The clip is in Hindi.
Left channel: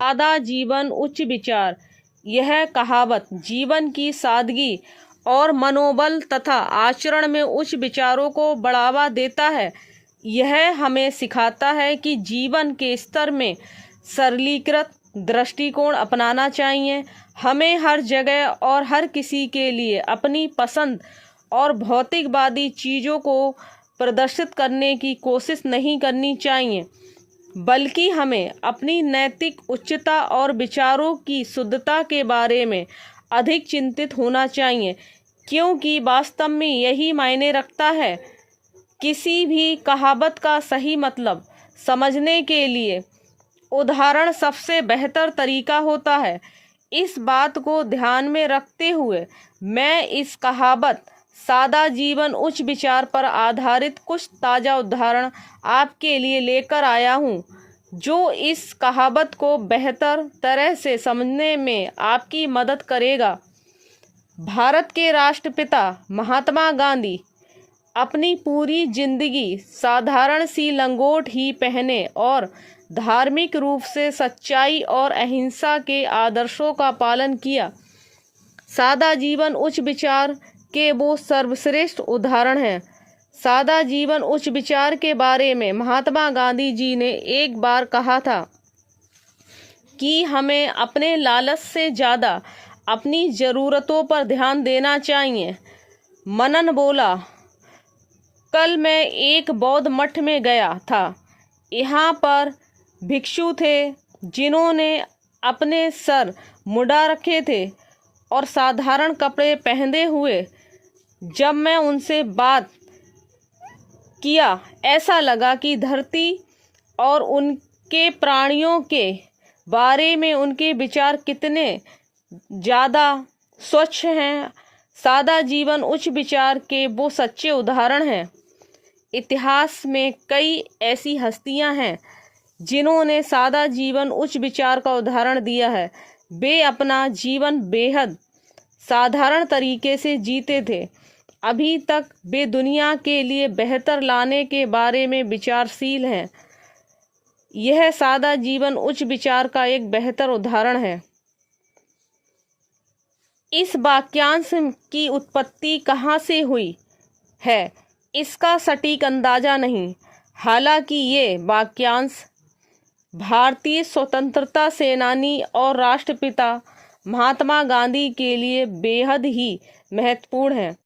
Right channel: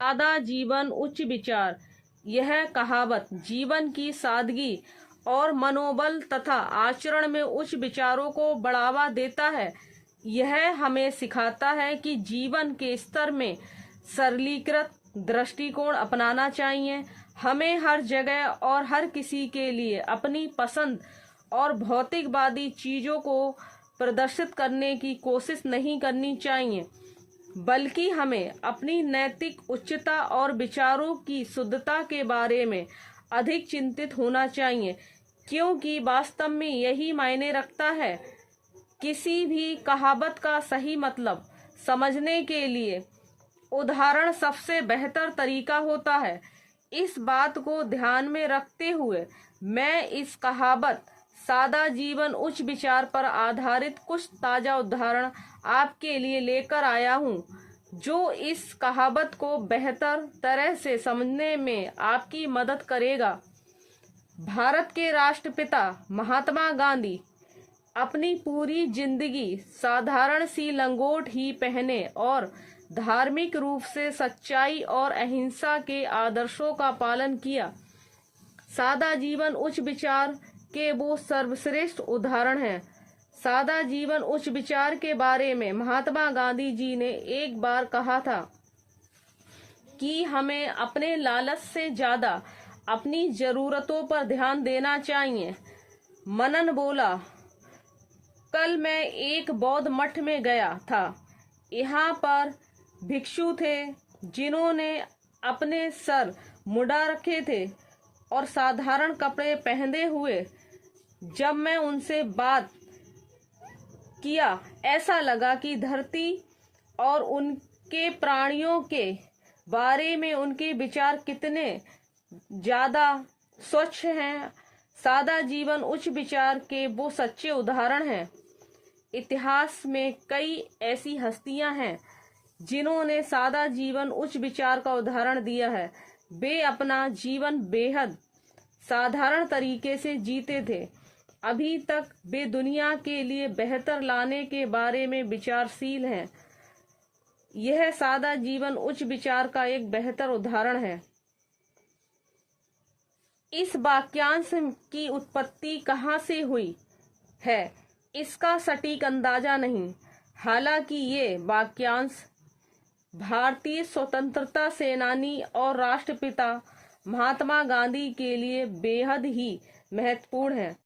सादा जीवन उच्च विचार। यह कहावत जीवन की सादगी और मनोबल तथा आचरण में उच्च विचारों को बढ़ावा देता है। यह हमें सिखाता है कि जीवन के स्तर में सरलीकृत दृष्टिकोण अपनाना चाहिए। हमें हर जगह और हर किसी के लिए अपनी पसंद और भौतिकवादी चीज़ों को प्रदर्शित करने की कोशिश नहीं करनी चाहिए, बल्कि हमें अपनी नैतिक उच्चता और विचारों की शुद्धता के बारे में अधिक चिंतित होना चाहिए, क्योंकि वास्तव में यही मायने रखता है। किसी भी कहावत का सही मतलब समझने के लिए उदाहरण सबसे बेहतर तरीका होता है। इस बात को ध्यान में रखते हुए मैं इस कहावत सादा जीवन उच्च विचार पर आधारित कुछ ताज़ा उदाहरण आपके लिए लेकर आया हूँ, जो इस कहावत को बेहतर तरह से समझने में आपकी मदद करेगा। भारत के राष्ट्रपिता महात्मा गांधी अपनी पूरी जिंदगी साधारण सी लंगोट ही पहने और धार्मिक रूप से सच्चाई और अहिंसा के आदर्शों का पालन किया। सादा जीवन उच्च विचार के वो सर्वश्रेष्ठ उदाहरण हैं। सादा जीवन उच्च विचार के बारे में महात्मा गांधी जी ने एक बार कहा था कि हमें अपने लालच से ज़्यादा अपनी ज़रूरतों पर ध्यान देना चाहिए। मनन बोला, कल मैं एक बौद्ध मठ में गया था। यहाँ पर भिक्षु थे जिन्होंने अपने सर मुड़ा रखे थे और साधारण कपड़े पहने हुए। जब मैं उनसे बात किया, ऐसा लगा कि धरती और उनके प्राणियों के बारे में उनके विचार कितने ज़्यादा स्वच्छ हैं। सादा जीवन उच्च विचार के वो सच्चे उदाहरण हैं। इतिहास में कई ऐसी हस्तियां हैं जिन्होंने सादा जीवन उच्च विचार का उदाहरण दिया है। वे अपना जीवन बेहद साधारण तरीके से जीते थे। अभी तक वे दुनिया के लिए बेहतर लाने के बारे में विचारशील हैं। यह सादा जीवन उच्च विचार का एक बेहतर उदाहरण है। इस वाक्यांश की उत्पत्ति कहाँ से हुई है, इसका सटीक अंदाजा नहीं। हालांकि ये वाक्यांश भारतीय स्वतंत्रता सेनानी और राष्ट्रपिता महात्मा गांधी के लिए बेहद ही महत्वपूर्ण है।